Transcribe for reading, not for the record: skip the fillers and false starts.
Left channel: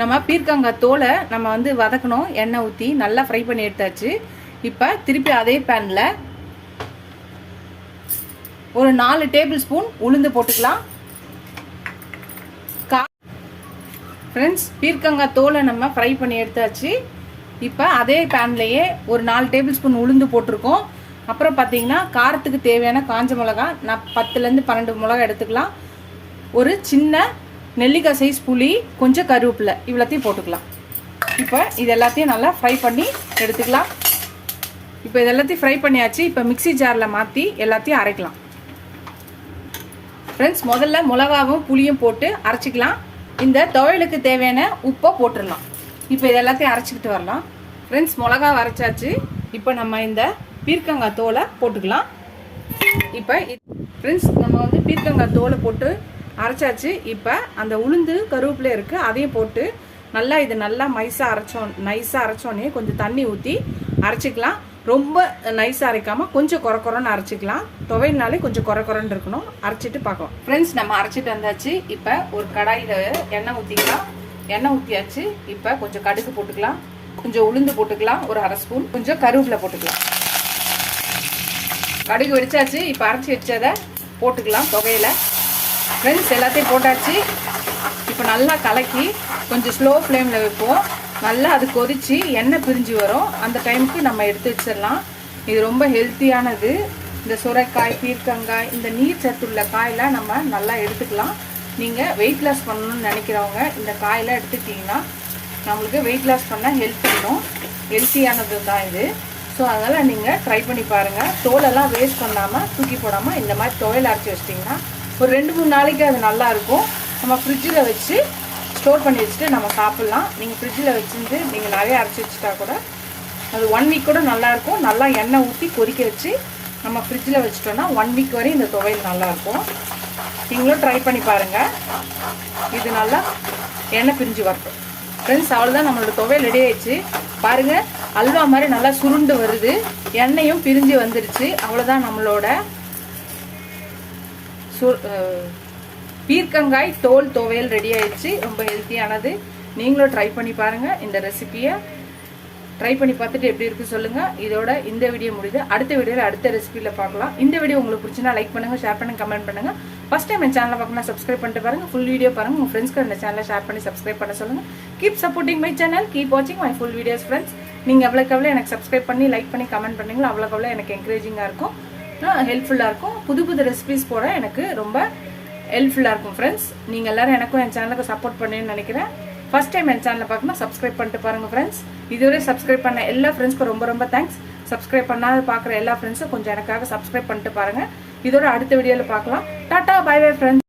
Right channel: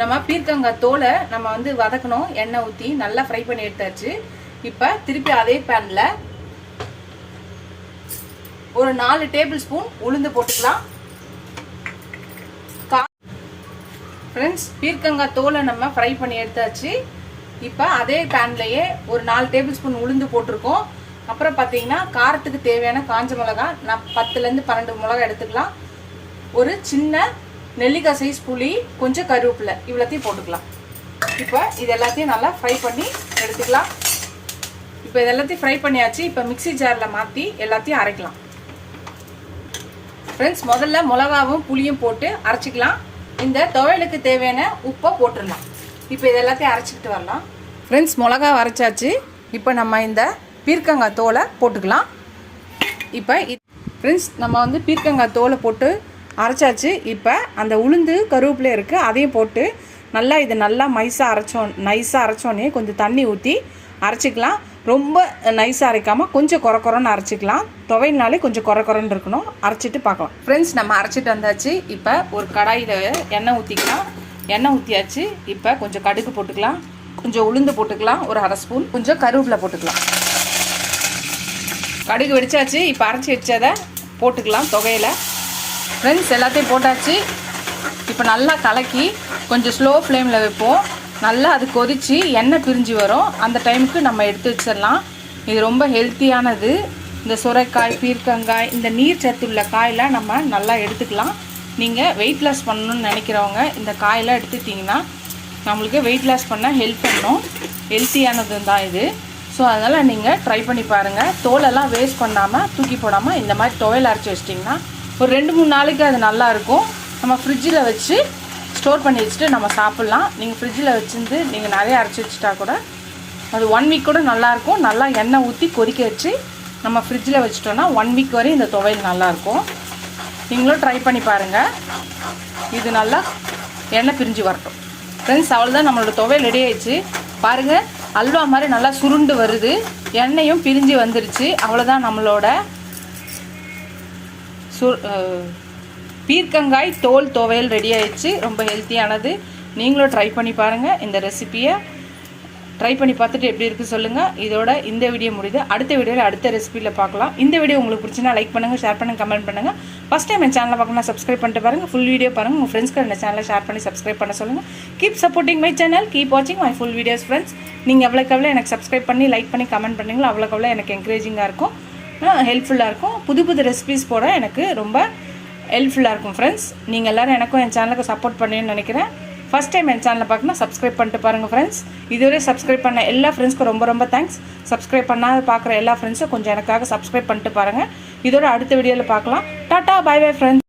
நம்ம பீர்க்கங்காய் தோலை நம்ம வந்து வதக்கணும். எண்ணெய் ஊற்றி நல்லா ஃப்ரை பண்ணி எடுத்தாச்சு. இப்போ திருப்பி அதே பேனில் ஒரு 4 டேபிள் ஸ்பூன் உளுந்து போட்டுக்கலாம். ஃப்ரெண்ட்ஸ், பீர்க்கங்காய் தோலை நம்ம ஃப்ரை பண்ணி எடுத்தாச்சு. இப்போ அதே பேன்லேயே ஒரு 4 டேபிள் ஸ்பூன் உளுந்து போட்டிருக்கோம். அப்புறம் பார்த்தீங்கன்னா காரத்துக்கு தேவையான காஞ்ச மிளகா நான் 10லேருந்து 12 மிளகா எடுத்துக்கலாம். ஒரு சின்ன நெல்லிக்காய் சைஸ் புளி, கொஞ்சம் கருவேப்பிலை, இவ்வளோத்தையும் போட்டுக்கலாம். இப்போ இது எல்லாத்தையும் நல்லா ஃப்ரை பண்ணி எடுத்துக்கலாம். இப்போ இது எல்லாத்தையும் ஃப்ரை பண்ணியாச்சு. இப்போ மிக்சி ஜாரில் மாற்றி எல்லாத்தையும் அரைக்கலாம். ஃப்ரெண்ட்ஸ், முதல்ல மிளகாவும் புளியும் போட்டு அரைச்சிக்கலாம். இந்த துவையலுக்கு தேவையான உப்பை போட்டுடலாம். இப்போ இது எல்லாத்தையும் அரைச்சிக்கிட்டு வரலாம். ஃப்ரெண்ட்ஸ், மிளகா அரைச்சாச்சு. இப்போ நம்ம இந்த பீர்க்கங்காய் தோலை போட்டுக்கலாம். இப்போ ஃப்ரெண்ட்ஸ், நம்ம வந்து பீர்க்கங்காய் தோலை போட்டு அரைச்சாச்சு. இப்போ அந்த உளுந்து கருவேப்பிலை இருக்குது, அதையும் போட்டு நல்லா இது நல்லா நைஸாக அரைச்சோன்னே கொஞ்சம் தண்ணி ஊற்றி அரைச்சிக்கலாம். ரொம்ப நைஸாக அரைக்காமல் கொஞ்சம் குறன்னு அரைச்சிக்கலாம். துவையினாலே கொஞ்சம் குறன்னு இருக்கணும். அரைச்சிட்டு பார்க்கலாம். ஃப்ரெண்ட்ஸ், நம்ம அரைச்சிட்டு வந்தாச்சு. இப்போ ஒரு கடாயில் எண்ணெய் ஊற்றிக்கலாம். எண்ணெய் ஊற்றியாச்சு. இப்போ கொஞ்சம் கடுகு போட்டுக்கலாம், கொஞ்சம் உளுந்து போட்டுக்கலாம், ஒரு 1/2 ஸ்பூன், கொஞ்சம் கருவேப்பிலை போட்டுக்கலாம். கடுகு வெடிச்சாச்சு. இப்போ அரைச்சி வச்சதை போட்டுக்கலாம் துவையில. ஃப்ரெண்ட்ஸ், எல்லாத்தையும் போட்டாச்சு. இப்போ நல்லா கலக்கி கொஞ்சம் ஸ்லோ ஃப்ளேமில் வைப்போம். நல்லா அது கொதித்து எண்ணெய் பிரிஞ்சு வரும். அந்த டைமுக்கு நம்ம எடுத்து வச்சிடலாம். இது ரொம்ப ஹெல்த்தியானது. இந்த சுரைக்காய், பீர்க்கங்காய், இந்த நீர் சத்துள்ள காயெல்லாம் நம்ம நல்லா எடுத்துக்கலாம். நீங்கள் வெயிட் லாஸ் பண்ணணும்னு நினைக்கிறவங்க இந்த காயெல்லாம் எடுத்துக்கிட்டிங்கன்னா நம்மளுக்கு வெயிட் லாஸ் பண்ண ஹெல்ப் பண்ணும். ஹெல்த்தியானது தான் இது. ஸோ அதனால் நீங்கள் ட்ரை பண்ணி பாருங்கள். தோலெல்லாம் வேஸ்ட் பண்ணாமல் தூக்கி போடாமல் இந்த மாதிரி துவையல் அரைச்சி வச்சிட்டிங்கன்னா ஒரு 2-3 நாளைக்கு அது நல்லாயிருக்கும். நம்ம ஃப்ரிட்ஜில் வச்சு ஸ்டோர் பண்ணி வச்சுட்டு நம்ம சாப்பிட்லாம். நீங்கள் ஃப்ரிட்ஜில் வச்சுருந்து நீங்கள் நிறைய அரைச்சி வச்சுட்டா கூட அது 1 வீக் கூட நல்லாயிருக்கும். நல்லா எண்ணெய் ஊற்றி கொதிக்க வச்சு நம்ம ஃப்ரிட்ஜில் வச்சுட்டோன்னா 1 வீக் வரையும் இந்த துவையல் நல்லாயிருக்கும். நீங்களும் ட்ரை பண்ணி பாருங்கள். இது நல்லா எண்ணெய் பிரிஞ்சு வரட்டும். ஃப்ரெண்ட்ஸ், அவ்வளோதான், நம்மளோட துவையல் ரெடி ஆயிடுச்சு. பாருங்கள், அல்வா மாதிரி நல்லா சுருண்டு வருது. எண்ணெயும் பிரிஞ்சு வந்துருச்சு. அவ்வளோதான், நம்மளோட பீர்க்கங்காய் தோல் துவையல் ரெடி ஆயிடுச்சு. ரொம்ப ஹெல்த்தியானது. நீங்களும் ட்ரை பண்ணி பாருங்கள். இந்த ரெசிபியை ட்ரை பண்ணி பார்த்துட்டு எப்படி இருக்குது சொல்லுங்கள். இதோட இந்த வீடியோ முடியுது. அடுத்த வீடியோவில் அடுத்த ரெசிபியில் பார்க்கலாம். இந்த வீடியோ உங்களுக்கு பிடிச்சினா லைக் பண்ணுங்கள், ஷேர் பண்ணுங்கள், கமெண்ட் பண்ணுங்கள். ஃபஸ்ட் டைம் என் சேனலை பார்க்கணும்னா சப்ஸ்கிரைப் பண்ணிட்டு பாருங்கள். ஃபுல் வீடியோ பாருங்கள். உங்கள் ஃப்ரெண்ட்ஸ்க்கு இந்த சேனலை ஷேர் பண்ணி சப்ஸ்கிரைப் பண்ண சொல்லுங்கள். Keep supporting my channel, keep வாட்சிங் மை ஃபுல் வீடியோஸ். ஃப்ரெண்ட்ஸ், நீங்கள் எவ்வளோக்கு எனக்கு சப்ஸ்கிரைப் பண்ணி லைக் பண்ணி கமெண்ட் பண்ணுங்களோ அவ்வளோக்கு எனக்கு என்கரேஜிங்காக இருக்கும், ஹெல்ப்ஃபுல்லாக இருக்கும். புது ரெசிபிஸ் போட எனக்கு ரொம்ப ஹெல்ப்ஃபுல்லாக இருக்கும். ஃப்ரெண்ட்ஸ், நீங்கள் எல்லோரும் எனக்கும் என் சேனலுக்கு சப்போர்ட் பண்ணுன்னு நினைக்கிறேன். ஃபஸ்ட் டைம் என் சேனலை பார்க்கணும் சப்ஸ்கிரைப் பண்ணிட்டு பாருங்கள். ஃப்ரெண்ட்ஸ், இதுவரை சப்ஸ்கிரைப் பண்ண எல்லா ஃப்ரெண்ட்ஸ்க்கும் ரொம்ப தேங்க்ஸ். சப்ஸ்கிரைப் பண்ணாத பார்க்குற எல்லா ஃப்ரெண்ட்ஸும் கொஞ்சம் எனக்காக சப்ஸ்கிரைப் பண்ணிட்டு பாருங்கள். இதோட அடுத்த வீடியோவில் பார்க்கலாம். Tata, bye bye friends.